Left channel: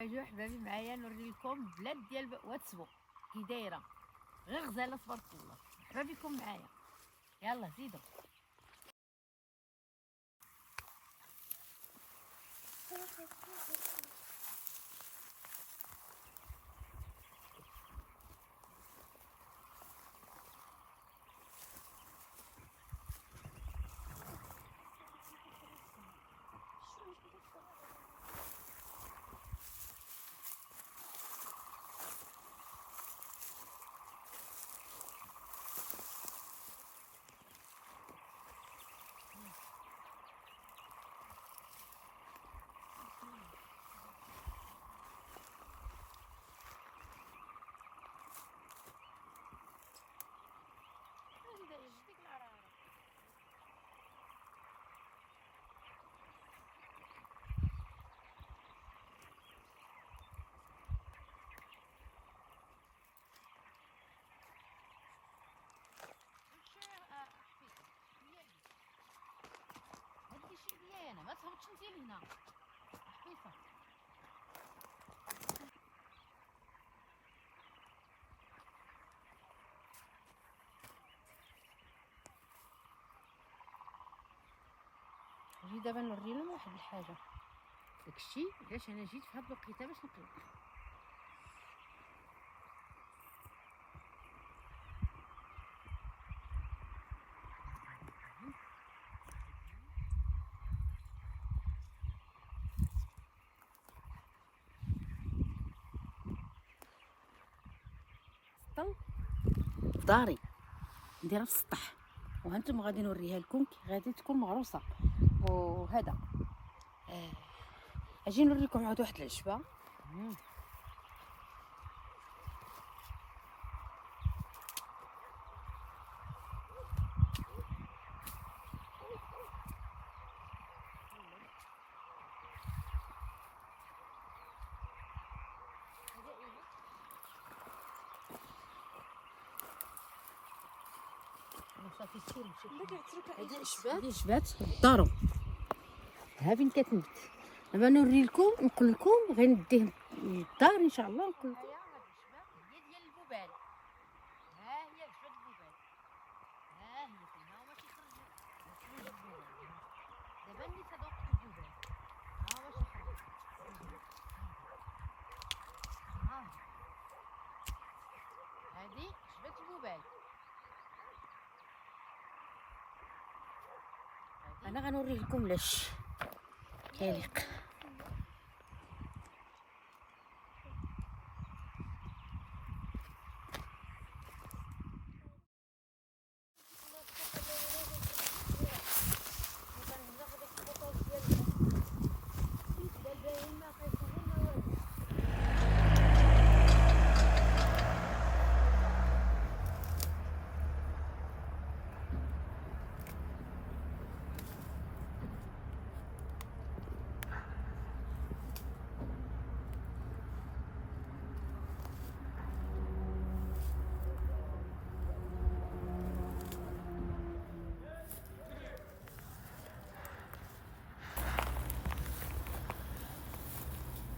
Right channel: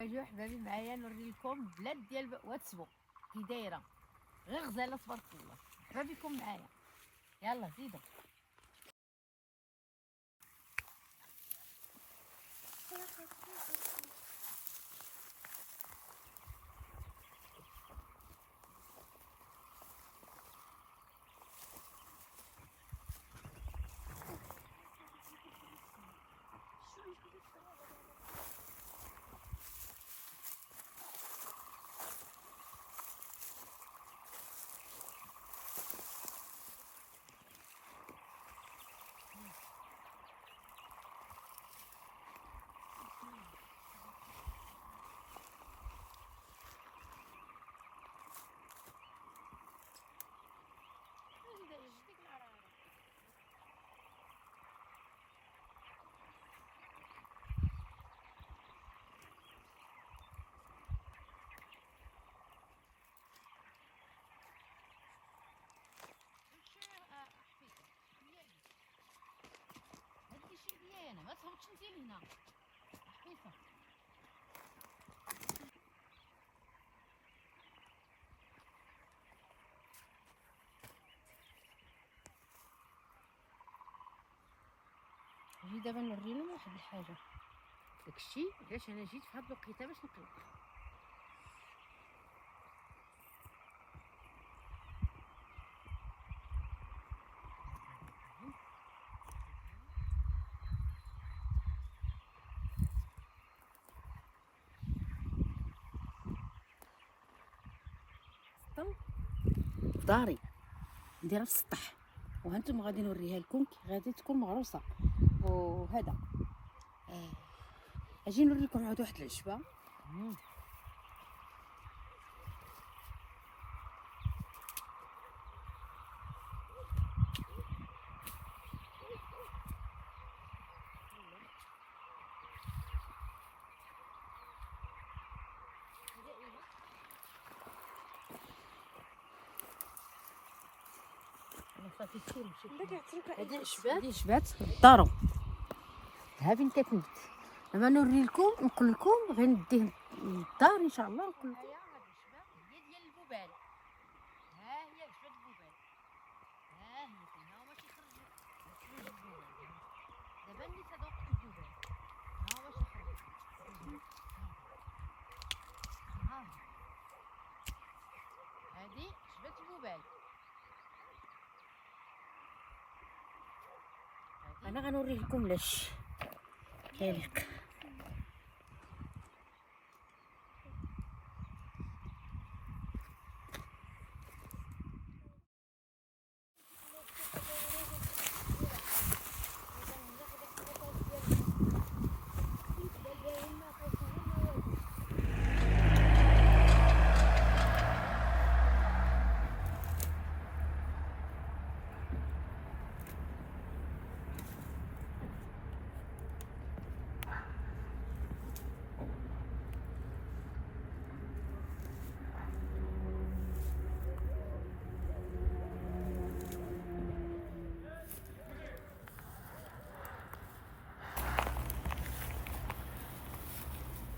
اجيو حبابي معايا نوري لكم بلاد ديال واتسبو كي دايره غير غزاله تبارك الله. حبابيكم معايا، يلا زيدوا. هادي شي ديالي انا، ما تهبطش انت لهنا حفيصه. نجي دابا نوري لهم واحد الحاجه، داكشي علاش انا جيت في هاد الوقيته باش نقلب. السطل في داري نديرها في السطح، وهانتم غادي نوريها لكم كي غادي تكون مغروسه. وهذا اجي نوريكم عاد واحد العشبه. صافي هادي شبات دارو ها فين كتنبت. دابا نوري لكم نقول لكم غير نديه للدار ان شاء الله. نقول لكم هي ديال البوبال، ها هي شبات البوبال، ها هي فين ها هما تيخرج البوبال. دابا نيت هذا وقت البوبال، ها هو تيخرج ها هادي شبات البوبال. انا غنوري لكم لاش كيليق.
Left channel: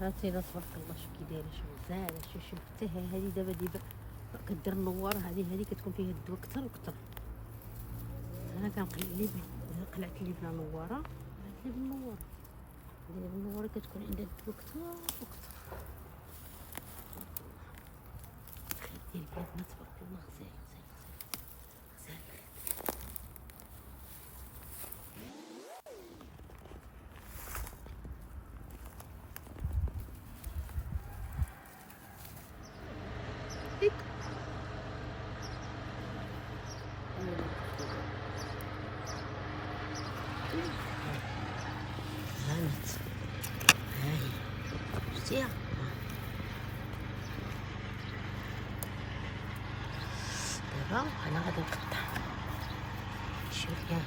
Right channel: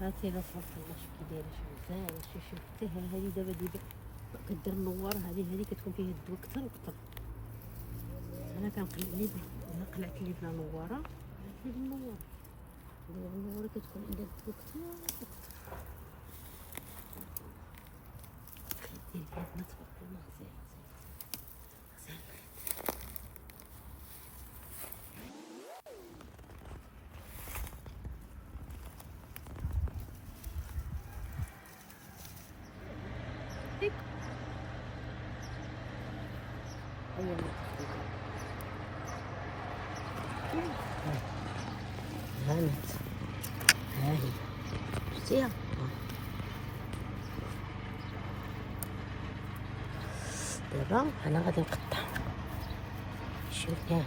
هاتي لا تبارك الله شوف كي دايره، شوف غزاله، شوف حتى هذه دابا كدير النواره. هذه كتكون فيها الدواء كثر وكثر. انا كنقلع لي الا قلعت لي بلا نواره قلعت لي بالنواره. النواره كتكون عندها الدواء كثر وكثر. الخير ديال بلادنا تبارك الله غزال غزال غزال. ديك غانت هاهي شتيها. دابا انا غادي نقطع شوف كاع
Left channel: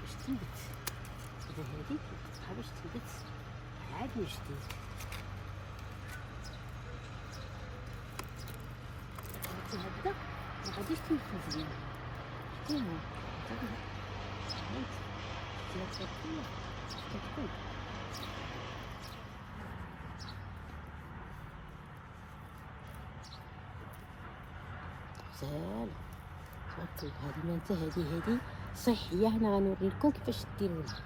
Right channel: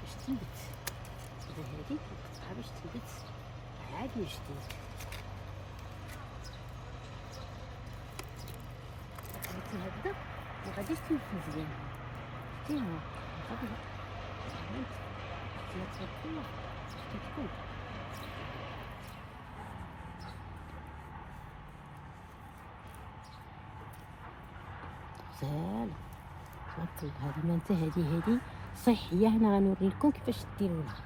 باش تنبت. دابا هادي نقطعها باش تنبت عاد من جديد. شتي هكذا ما غاديش تنفذ مزيان. شتي ها صافي ثلاثة كلها كتكون غزال. تبارك الله. هذه مانتا هذه صحية. هنا غنوري لكم كيفاش ديروها.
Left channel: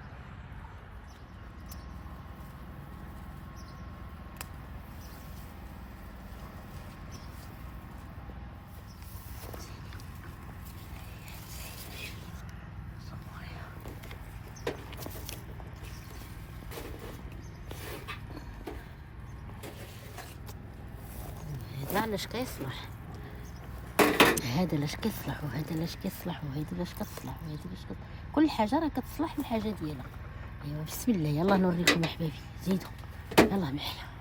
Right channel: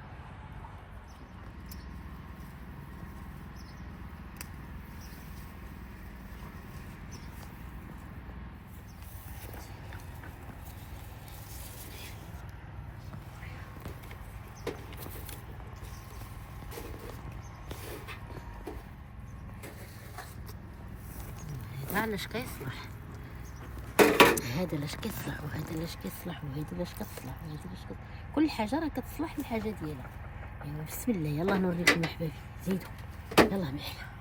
هذا علاش كيصلح، هذا لاش كيصلح، وهذا لاش كيصلح، وهذا لاش كتصلح، وهذا لاش كل حاجه راه كتصلح الحاجه ديالها. ايوا بسم الله. يلا نوريكم احبابي. زيدوا يلا معايا.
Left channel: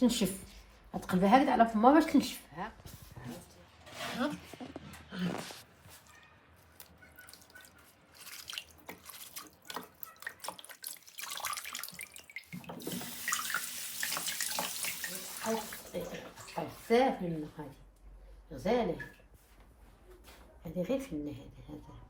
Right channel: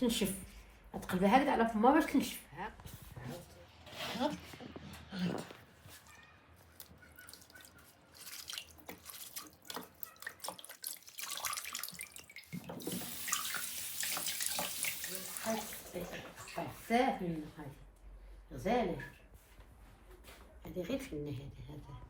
تنشف تقلبها هكذا على فمها باش تنشف. بزاف من هذه غزاله. هذه غير فينا هذا على الله.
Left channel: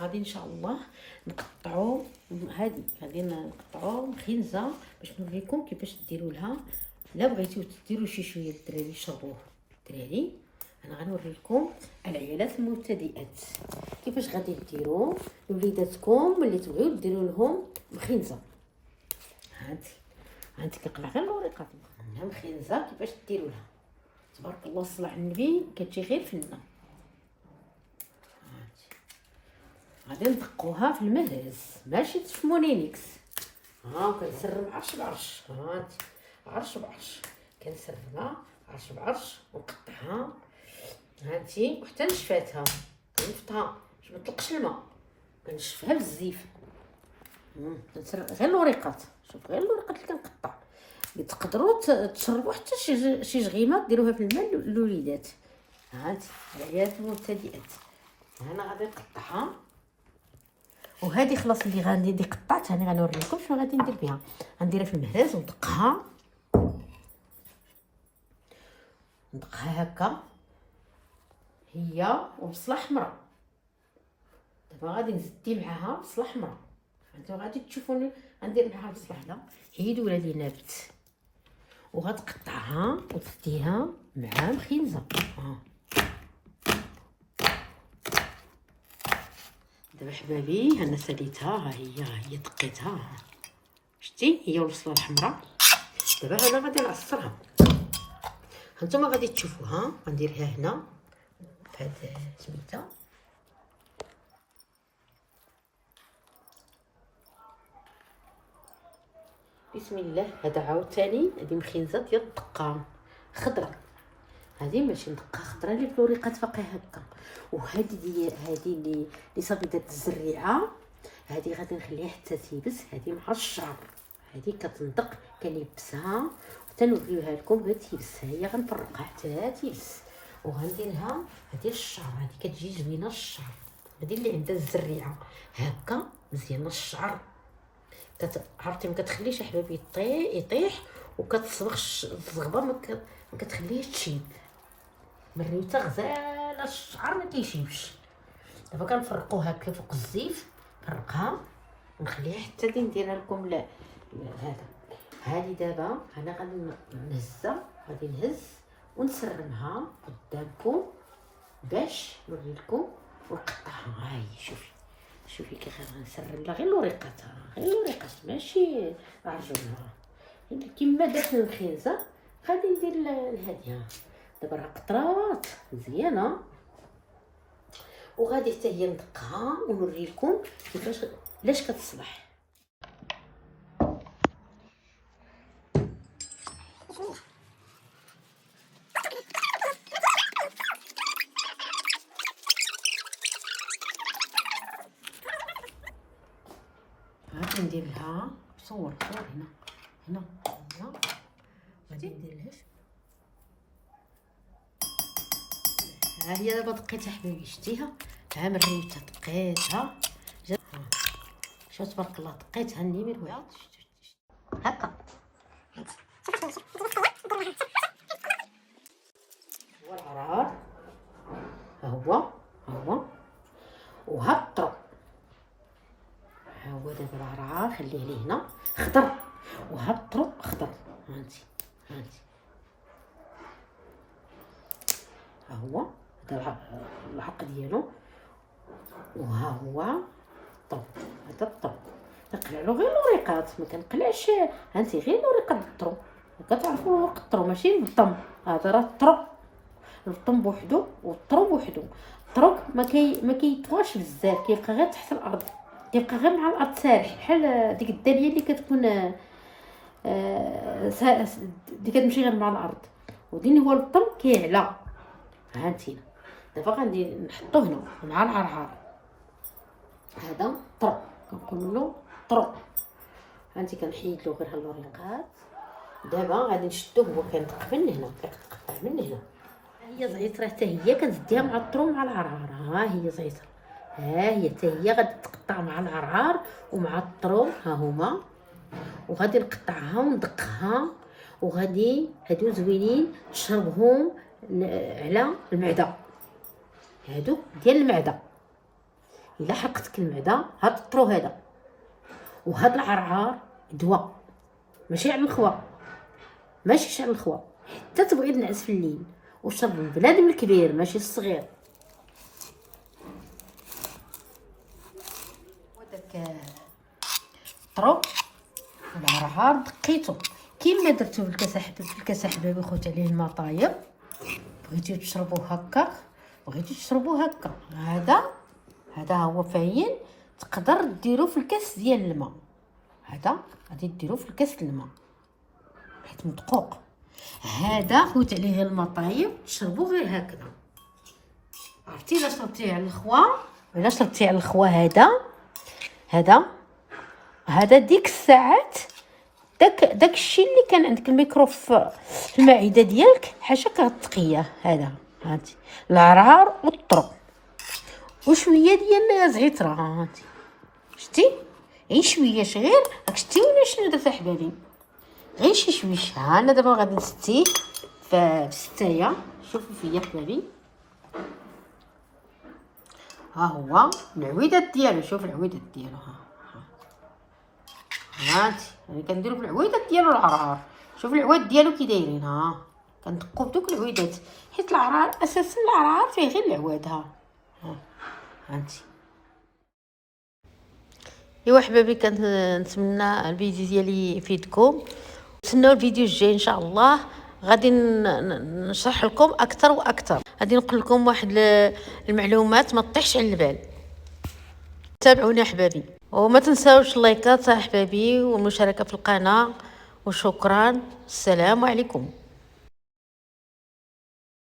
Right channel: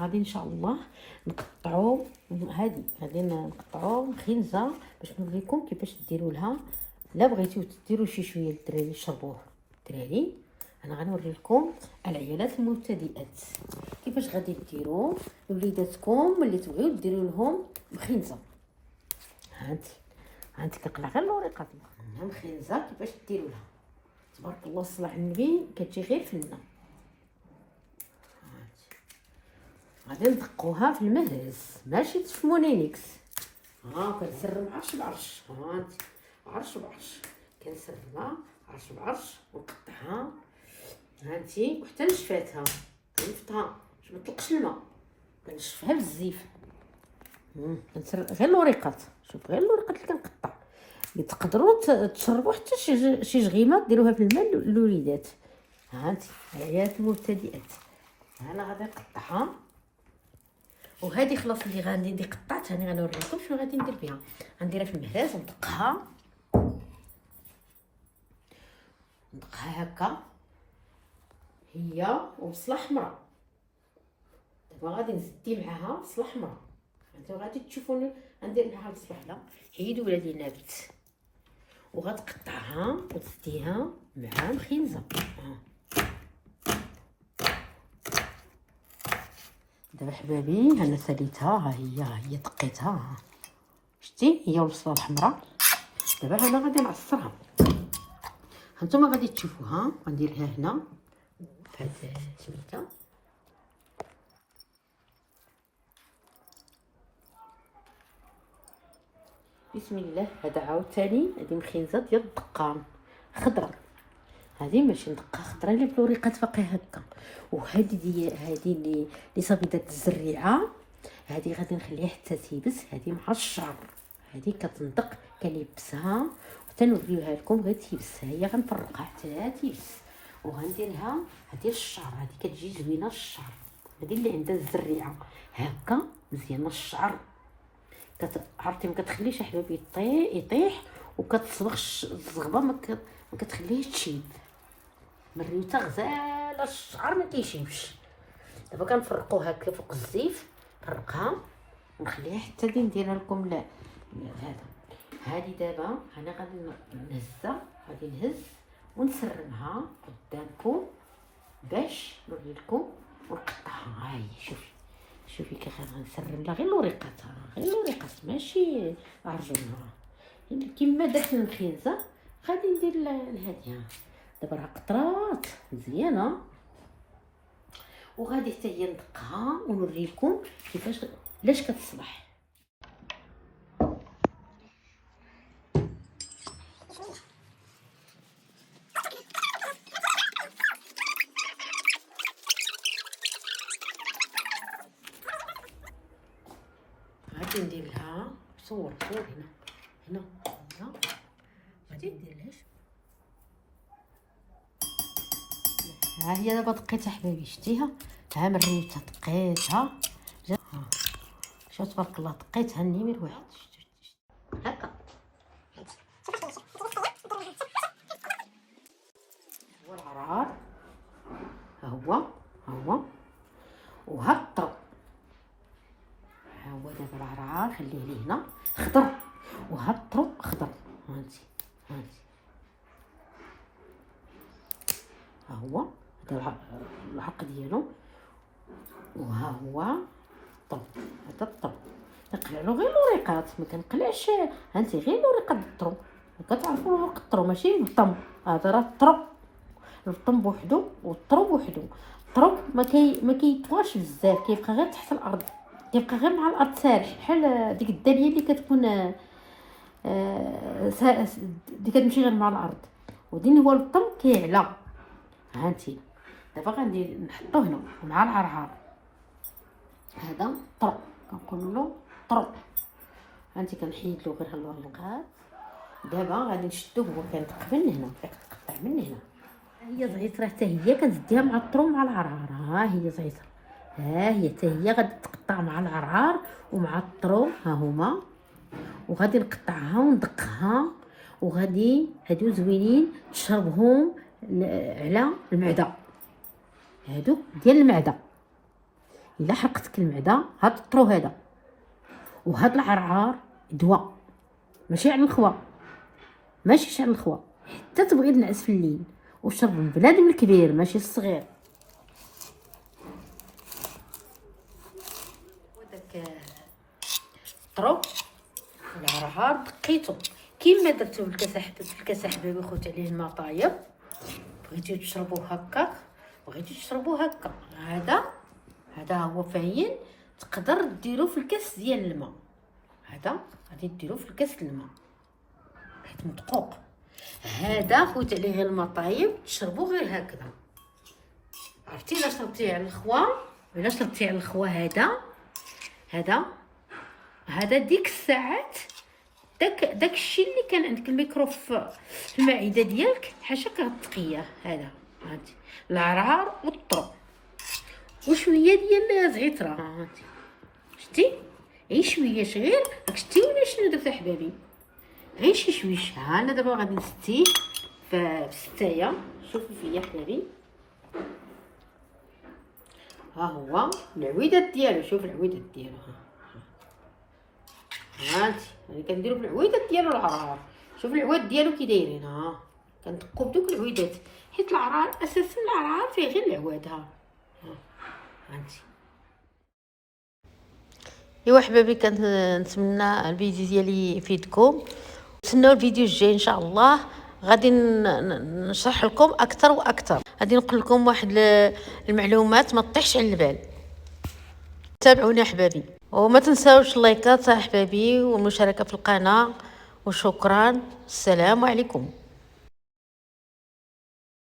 غادي ان شاء الله نقطعو هذه غادي نقطعو مخنزه باش نوريكم كيفاش ديروا لها. لا بغيتو ديروا شي شويه الدراري يشربوه الدراري. انا غنوري لكم العيالات المبتدئات كيفاش غادي ديروا لوليداتكم اللي تبغيو ديروا لهم مخنزه. هانتي كنقلع غير الوريقات منها مخنزه كيفاش ديروا لها. تبارك الله صلى على النبي كتجي غير فنه. غادي ندقوها في المهرز ماشي تفمونينيكس. كنسرب عرش بعرش. هانتي عرش بعرش كنسربها عرش بعرش ونقطعها. هانتي وحتى نشفاتها كنفتها باش ما تطلقش الماء. كنشفها بالزيف. كنسرب غير الوريقات. شوف غير الوريقات اللي كنقطع اللي تقدروا تشربوا حتى شي جغيمه ديروها في الماء للوليدات. هانتي العيالات المبتدئات. انا غادي نقطعها. وهذه خلاص اللي غندير قطعتها. انا غنوريكم شنو غادي ندير بها. غنديرها في المهرز وندقها هكا هي وبصله حمراء. دابا غادي نزدي معاها بصله حمراء. انتو غادي تشوفوني غندير معاها بصله حمراء. هيدو ولادي نابت وغتقطعها وتديها مع مخنزه. دابا حبابي انا ساليتها. ها هي دقيتها. شتي هي والبصله الحمراء. دابا انا غادي نعصرها. هانتوما غادي تشوفوها. غنديرها هنا بهاد سميتها. بسم الله. هذا عاوتاني هذه مخنزه ديال الدقان خضراء. هذه ماشي ندقه خضراء اللي بالوريقات باقي هكا. وهذه هذه اللي صبيدات الزريعه هذه غادي نخليها حتى تيبس. هذه مع الشعر. هذه كتندق كنلبسها حتى نوريوها لكم غير تيبس. هي غنفرقها حتى تيبس. وغنديرها هذه الشعر. هذه كتجي زوينه الشعر. هذه اللي عندها الزريعه هكا مزيانه الشعر. عرفتي ما كتخليش احبابي يطيح وكتصبغ الزغبه ما كتخليهش تشيب، مريوته غزاله الشعر ما كيشيبش. دابا كنفرقو هكا فوق الزيت، نفرقها ونخليها حتى نديرها لكم. لا هذا هادي دابا انا غادي نهزها، غادي نهز ونسرمها قدامكم باش نوريلكم ونقطعها. ها هي شوفي كيف غنسرم لها غير الوريقاتها، غير الوريقات ماشي عرجونها كيما درت الخنزه. غادي ندير الهاديه دابا راه قطرات مزيانه، وغادي حتى هي ندقها ونوريلكم كيفاش علاش كتصبح. غادي ندير لها صور هنا غادي ندير لها. ها هي دابا دقيتها حبايبي، شتيها ها مريتها دقيتها، شوف تبارك الله دقيتها النيمير واحد هكا. هو العرار ها هو وهالطرب، ها هو دابا العرعار خليه ليه هنا خضر، وهالطرب خضر. هانتي ها هو هذا العرق ديالو، وها هو الطرب. هذا الطرب كنقلع له غير الوريقات، ما كنقلعش هانتي غير الوريقات الطرب. وكتعرفوا ورق الطرب ماشي البطم، هذا راه الطرب، البطم بوحدو والطرب بوحدو. الطرب ما كيطواش بزاف، كيبقى غير تحت الارض، كيبقى غير مع الارض سارح، بحال ديك الداليه اللي كتكون اللي كتمشي غير مع الارض. وديني هو البطم كيعلى. هانتي دابا غادي نحطو هنا مع العرعار. هذا الطرب كنقولوا له طرب. هانتي كنحيد له غير هالوريقات. دابا غادي نشدوه، هو كينطق من هنا، كتقطع من هنا. هي زعيتره حتى هي كتديها مع الطرب مع العرعار. ها هي زعيتره، ها هي حتى هي غادي تقطع مع العرعار ومع الطرب، ها هما. وغادي نقطعها وندقها، وغادي هادو زوينين تشربهم على المعده، هادو ديال المعده. الا حرقتك المعده هاد الطرو هذا وهاد العرعار دواء، ماشي على الخوا، ماشي على الخوا، حتى تبغي تنعس في الليل. وشرب البنادم الكبير ماشي الصغير. وداك الطرو العرعار دقيتو كيما درتو بالكاس حبابي خوت عليه الماء طايب. بغيتو تشربوه هكا، بغيتو تشربوه هكا، هذا هو فاين. تقدر ديروه في الكاس ديال الماء، هذا غادي ديروه في الكاس الماء حيت مدقوق. هذا خوت عليه الماء طايب تشربوه غير هكذا. عرفتي الا شربتيه على الخوا، الا شربتيه على الخوا هذا ديك الساعات داك الشيء اللي كان عندك الميكرو في المعده ديالك حاشاك غتقيه. هذا هانتي العرعار والطرب وشويه ديال زعتره. هانتي شتي غير شويه غير راك شتي ولا شنو درت حبابي، غير شي شويش. ها انا دابا غادي نستيه في الستايه. شوفوا فيا حبابي، ها هو العويدات ديالو. شوف العويدات ديالو، هانتي يعني كنديرو في العويدات ديالو العرعار. شوف العواد ديالو كي دايرين، ها كندقو بدوك العويدات، حيت العرعار اساسا العرعار فيه غير العواد. هانتي ايوا حبابي، كنتمنى الفيديو ديالي يفيدكم. تسناو الفيديو الجاي ان شاء الله، غادي نشرح لكم اكثر واكثر. غادي نقول لكم واحد المعلومات ما تطيحش على البال. تابعوني احبابي، وما تنساوش اللايكات احبابي والمشاركه في القناه. وشكرا، السلام عليكم.